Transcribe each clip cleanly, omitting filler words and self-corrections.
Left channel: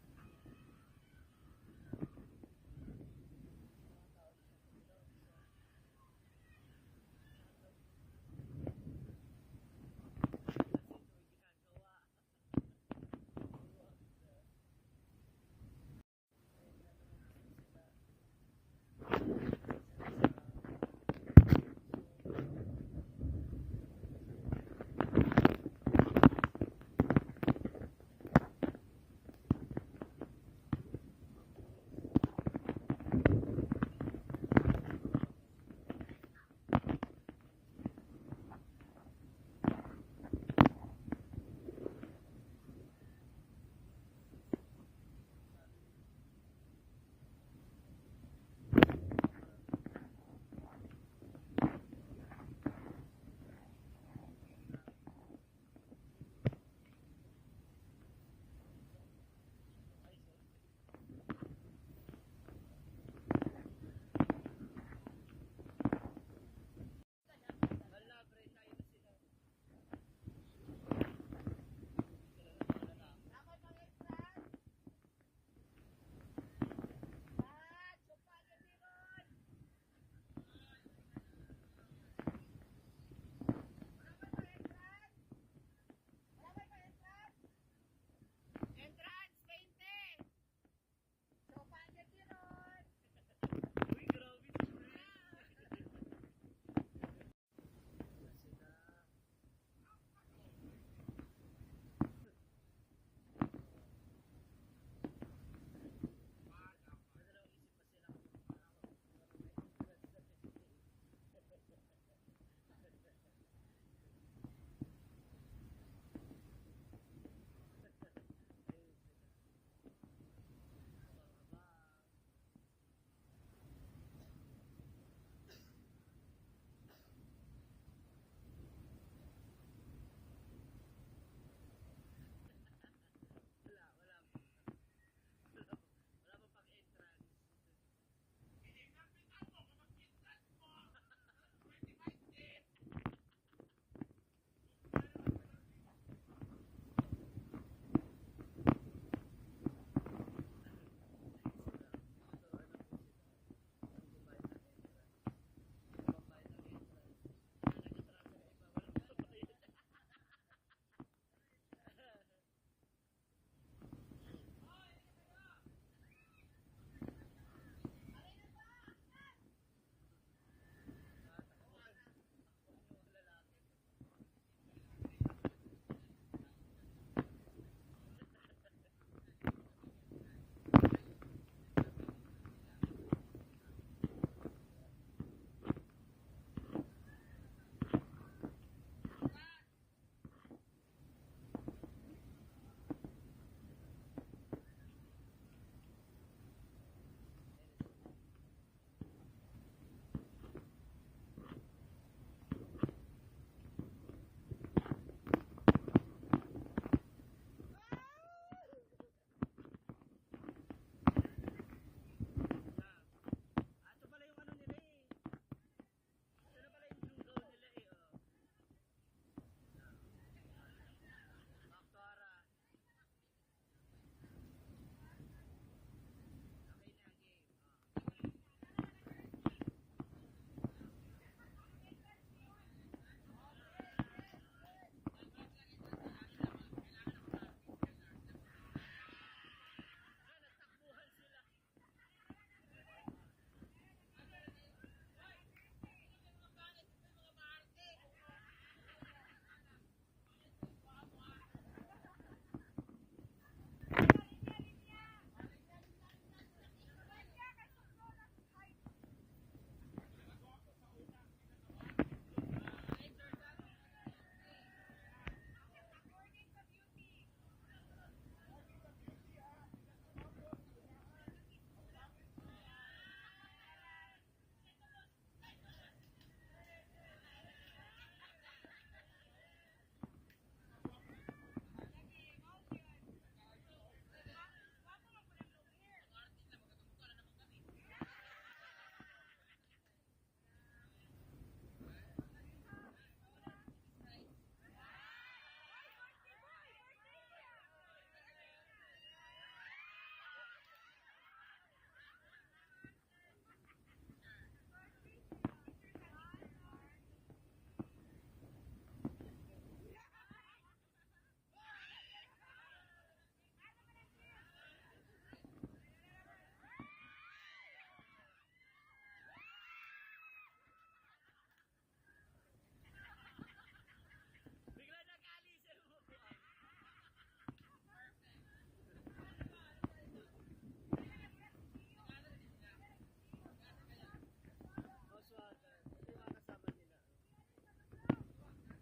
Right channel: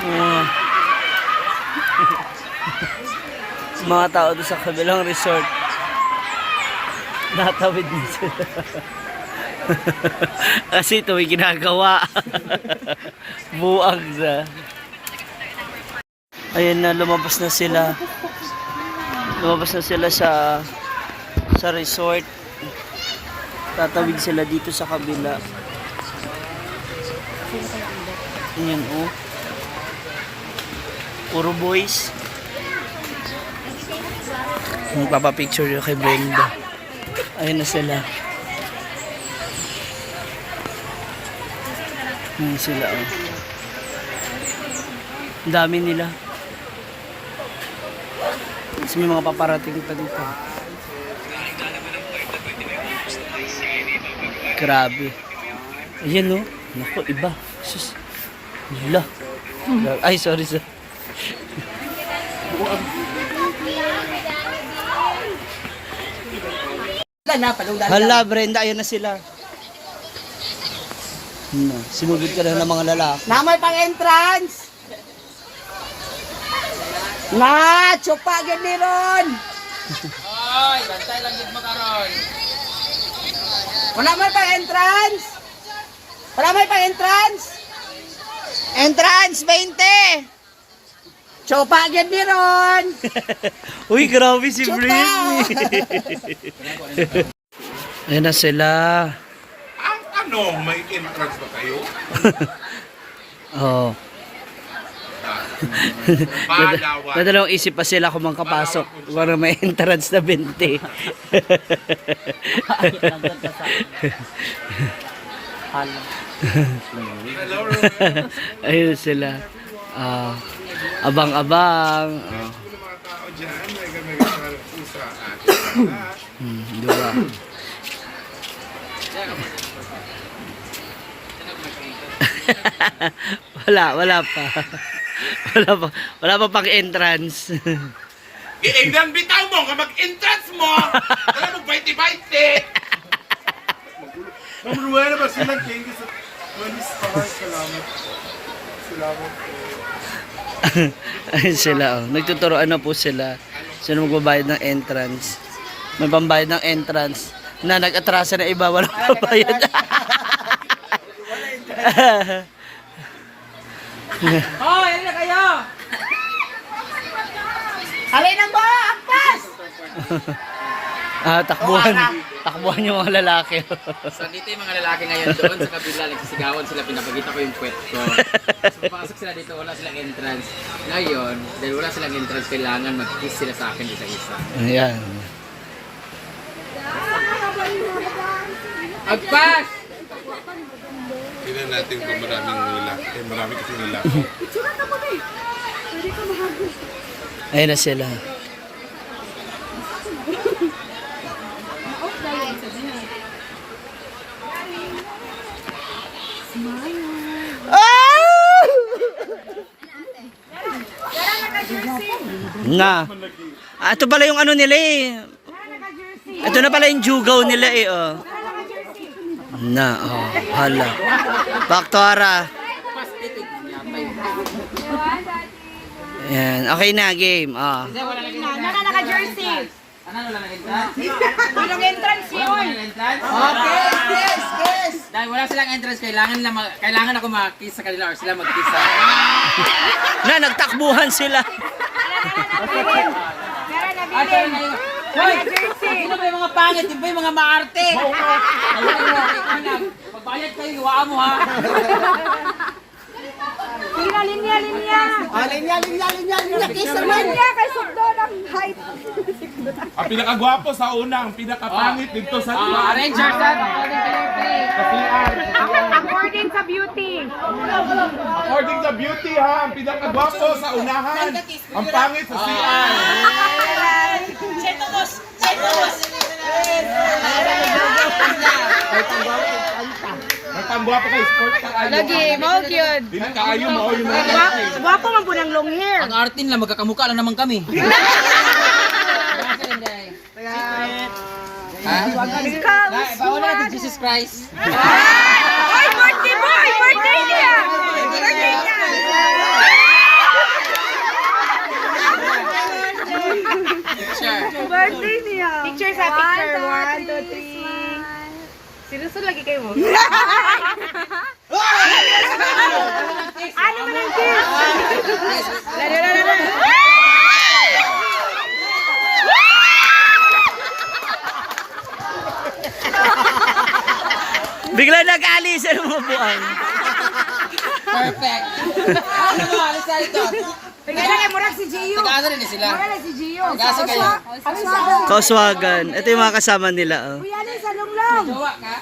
Mga, mga tao doon sa kabilang resort. Natawid din sila. Kasi ito may ginagawa. Buang sa. Ayun na, lumabas na sila. Lumabas na sila sa resort. Tatawid sila dito sa kabila. Ayan, oh. Puro boys. Magpapapicture yun kay Brenda. Ayun na sila. Ayun sila, oh. Ang dami nila. Kasi may mga paparating pa dito. Grabe. Ayan, oh. Naku, iba. Sus. Hala. Ay, sorry, sir. Hala, Brenda, ayun na sila. Sinugod ka na ng mga lalaki. Na may pang-entrance! Na! Chupa gini ron! Oy, bantay lang gid mo karon. Wala may pang-entrance! Wala may pang-entrance! Entrance, 20! Chupa gini ron! Uy, grabe si Britney. Ayan na sila. Ano, may entrance ba kayo? Oo. Palawan. Nadalawang isip pa sila kung makapasok para may entrance na 20. Hello, Ayun sila. Abang-abang. mga tao dyan, may gamay sa atin. Diba? wala pa. Wala pa pang entrance. Iingnan bitaw mo, ka mag-entrance mo! Kaya mag-baiti-baiti! Mamunuhay na ba silang changes at manis pa? Salamat. Salamat po. Ayun sila, oh. Nagtuturoan na po sila. Sino magbabayad ng entrance. May pambayad ng entrance. Na nag-atrasa na iba, walang pambayad. Hoy, ano na kayo? Halay na ba? Akpas! Takbuhan. Takbuhan yung mga lalaki. So dito yung mga lalaki ngayon doon sa kabila, nagsisigawan sila, pinapagita ko yung puwet ko. So pasok sila dito, wala silang entrance. Ngayon, dahil wala silang entrance, kailangan mag-kiss sila sa akin isa-isa. Ayan. Agpas! Tignan natin kung maraming lalaki. Marami kasi lalaki. Ayun na sila. Na. Ito pala yung ano nila eh. Ito na pala yung jugaw nila eh, oh. Na, oh. Hala. Baktora. Yan. Okay na, game. Oh. Naka-jersey! Ano wala nang entrance? Walang entrance yun! Entrance? Okay, yes, yes! Dahil wala silang entrance, kailangan ako mag-kiss sa kanila or sila mag-kiss sa akin. Na, nagtakbuhan sila. Asa na yun? Hoy! Sino ba yung mga pangit? Yung ba yung mga maarte? Magbayad kayo, iwaan mo ha! Linya! Kiss naman! Linya, kay Sugdo ng height! Ang pinakagwapo sa una, ang pinakapangit dito sa Rangers, According sa beauty! According to beauty ha, ang pinakagwapo sa unahan, ang pangit sa CR. May pangwapo kay sport ka kayo. Lagi, mao yun! Dili kaayo mao yung mga lalaki. Gwapo man po ng long hair! Ang artin lang, magkakamukha lang naman kami. Bawal natin Jesus Christ. Ay, birthday boy! Birthday niya! Birthday niya! lagi kayo mo? Ano man ang kiss? Bigla nag-alis ang mga buang. Perfect. Ano ba? Alis tayo ito. Tingnan na kay Murag si Gio. Nag-asa rin sila. Murag si Gio. Nag-asa kayo. Kauswagan. Ito yung mga kasama nila. Oh. Kuya Alin sa lunglong. Jowa ka?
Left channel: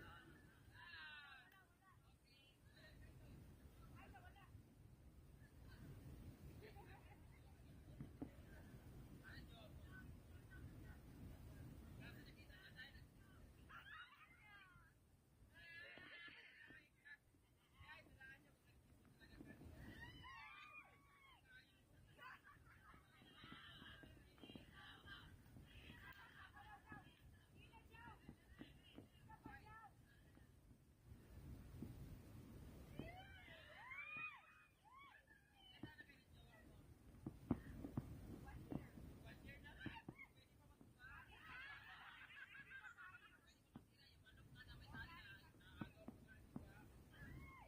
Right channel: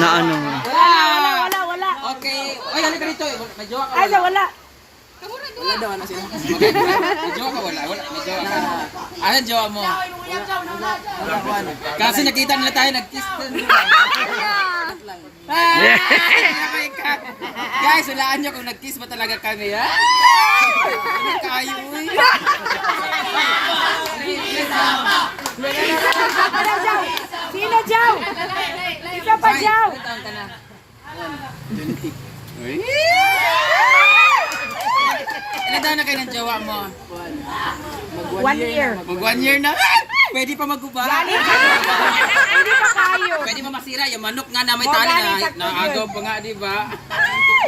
Na ano. Wala. Okay. Oy, halika dito. May jowa ka Ay, sa wala. Wala daw ano sila. Okay. May jowa ka wala. May jowa ka. Ano ang jowa mo? Kasi nakita nila tayo nag-kiss din. Guys, hulaan nyo kung nag-kiss ba talaga kami, ha? Ano kayo, uy? Sino, Jow? Isa pa, Jow. Ilan taon ka na? Ilan taon na kayo ng jowa mo? 1 year. Mag 1 year na? Pwede pa maguba? Hindi pa kayo. Pwede pa masira yung manok nga na may tali na naagaw pa nga, di ba?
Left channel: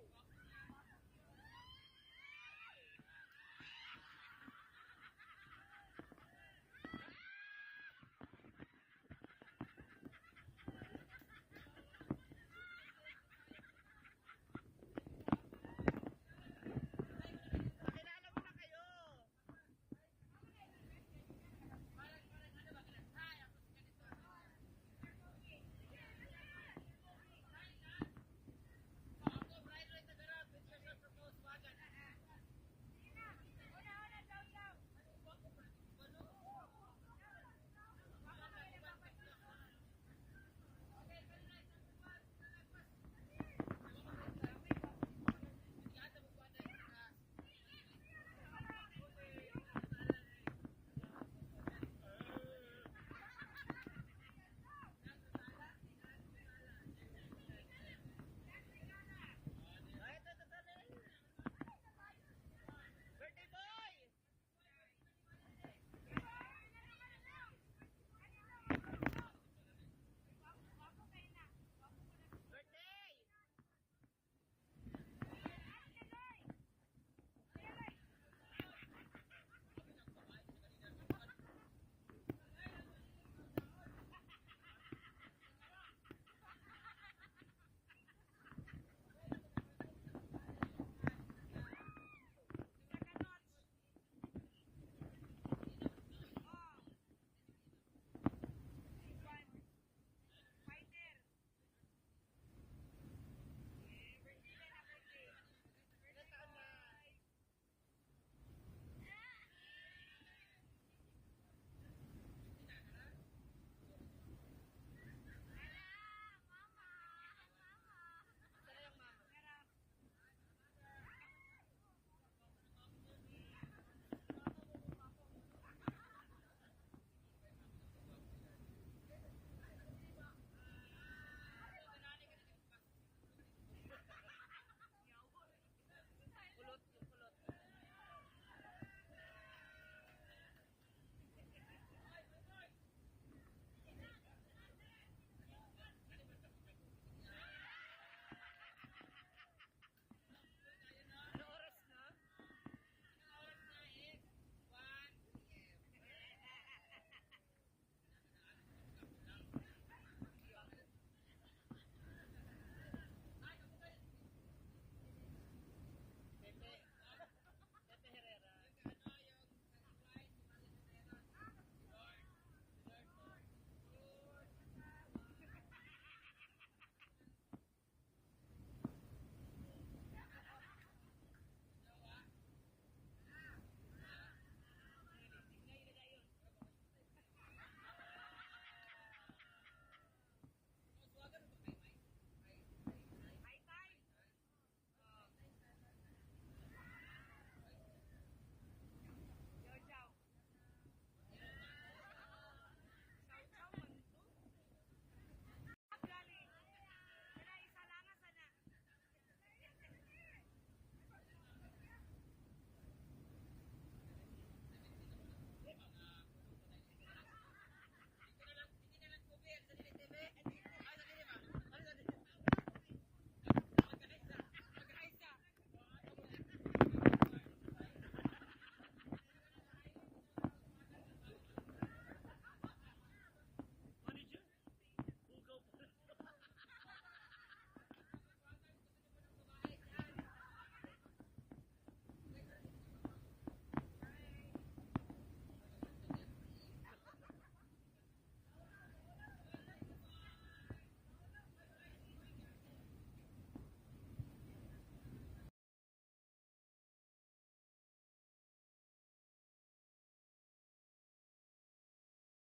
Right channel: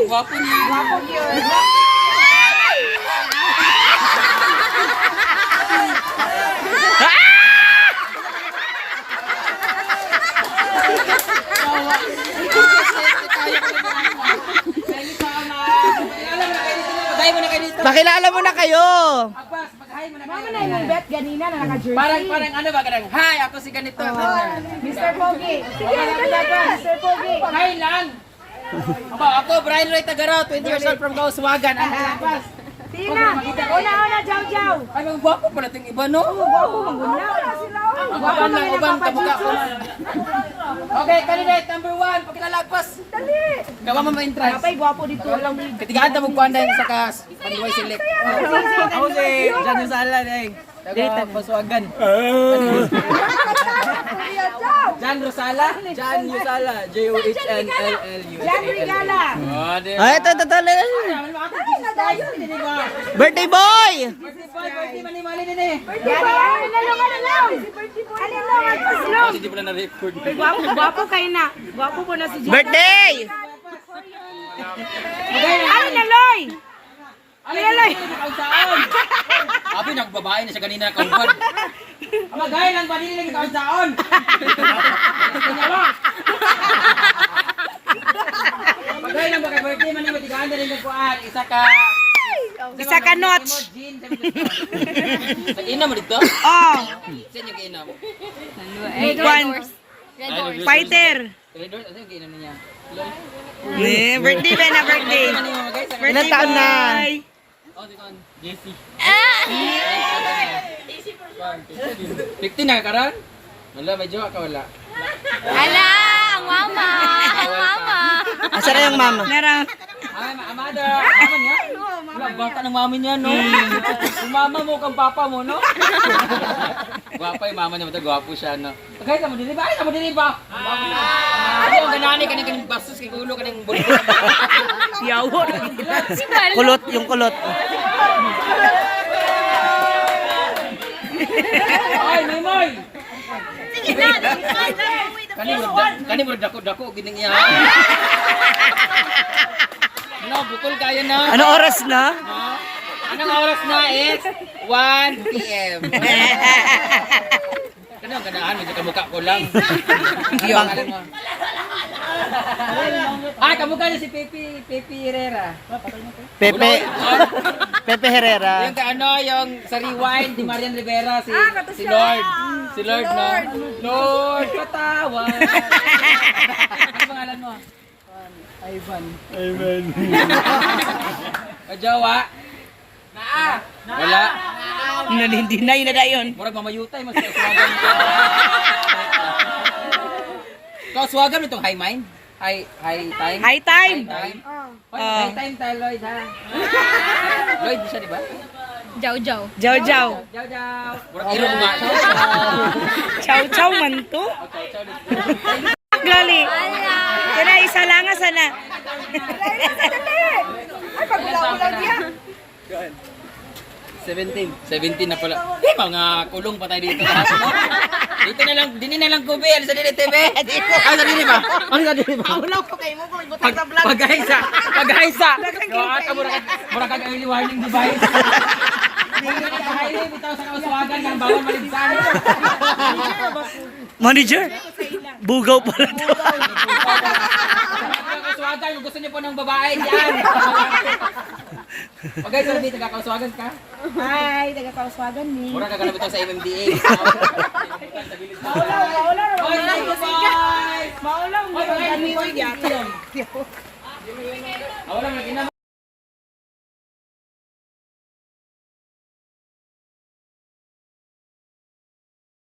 Gwapo niya. Wapo yun. Paghay mo na kayo dito. Pakilala mo na kayo. Abbas, paghay mo na Mama kayo. na yung bet ganina na naka-jersey. Parang ano ba? Parang, hi, ako si ganito. Mr. Pogi. Sige, Mr. Pogi. Hi lang. Ako, Brian Roy Tagaraw, 20 years old from Kauswagan. Ano Abbas? Tina. Una, Jow. Ay, mga gwapo pala itong iba, no? Wapo, maguna. Sila. Uban lang, uban, kamukha ko. Okay, candidate number 1, pakilalapas. Dali. Gawa mo ma-entrance. Kapay, gwapo dito. Walang wig. Katigaan ta magkuhan dahil sa kas. Panduay select. Ako si Jan Yusala, Taga Pasuagan. Jan Rosala? Jan Yusala. J-O-H-N-L-L-U. Jan Regala. Oh, di Ay, ito. Birthday boy! Birthday mani-mali din eh. Yan, nalong. Alilong, paslong. Hindi pala na-record. Gwapo kayo na. Gwapo po na si Jan. Birthday! Ano na, Loy? Loy? Abi, nagbabae na siya kanina kauban. Magay lang ba nila ng kaunsaon? Magay lang ba kay birthday man mo tigaan din ng kuan. Isa ka notch. Nag-ina mo dito? Oh, Saan yung kainom? one. Fighter. Red Doors, ano yung kainom niya? Birthday ba na birthday? Ilan taon na? Oh, dito on. Jesse. 15 na karon? Wala, may jowa ka wala. Ala, ang mama. Ang mama. Asa na yung mama? Meron. Ay, amada. Mama niya? Wala, bata ng mami niya, no? Yung mama mo kang papa mo, no? Gwapa yung mama niya, gwapo siya, no? Pagkaya ka mo dili ba? Ay, ka mo dili ba? Ano yung ganani kaning bastos kay ulo kaning bulbo? Yawo. Kulot, yung kulot. Ay, Maymoy! Sige na. Kani mo dako gining iya. Ano, bukol kayo na? Ano oras na? No? Anong oras na is 1 p.m. Ano, ganahan, medyo kamukha ko lang. Yung, alam mo. Ay, kamukha niya si Pepe Herrera. Pepe Herrera. Yung yung sa Rewind, ni Marian Rivera, si Lord. Si Lord, no? Lord, patawad. Ano pangalan mo? Ivan. Kajawa? Wala. Hindi na yun na dayon. Murag mamayutay, mas kaswagan mo. Kaswagan mo itong high mind? High time? High time. High time tayo, Lloyd, ha? Lloyd, di siya, di ba? Jaw. Jaw. Jaw, jaw. Murag iro mo nga. Chow man to. Gali. Kaya isa lang nga sana. Ay, pagulaw-ulaw niya. 17 na pala. Di, mga kulong pa tayo dito. Dito na lang, dini na lang kubi, ano sa dini TV? Ano sa dini ba? Ano sa dini ba? Wala ko kayo mo kung ibutang sa vlog. Paghaisa, paghaisa. Mura ka early warning device. Hindi ka highway, bitaw sa kauswagan, ng bawal maligsan. Manager, bugaw pala to. Kauswagan, kung gusto niyo po ng babae, yan. Paghaisa, hindi, taga-kauswagan ka. Ay, taga-kauswagan ni. Mura ka ganun bitaw sa MMDA. Maulaw. Oy, thank you, boys! Maulaw. Oy, mga Maulaw. boys, yata. Wala, mag-ina.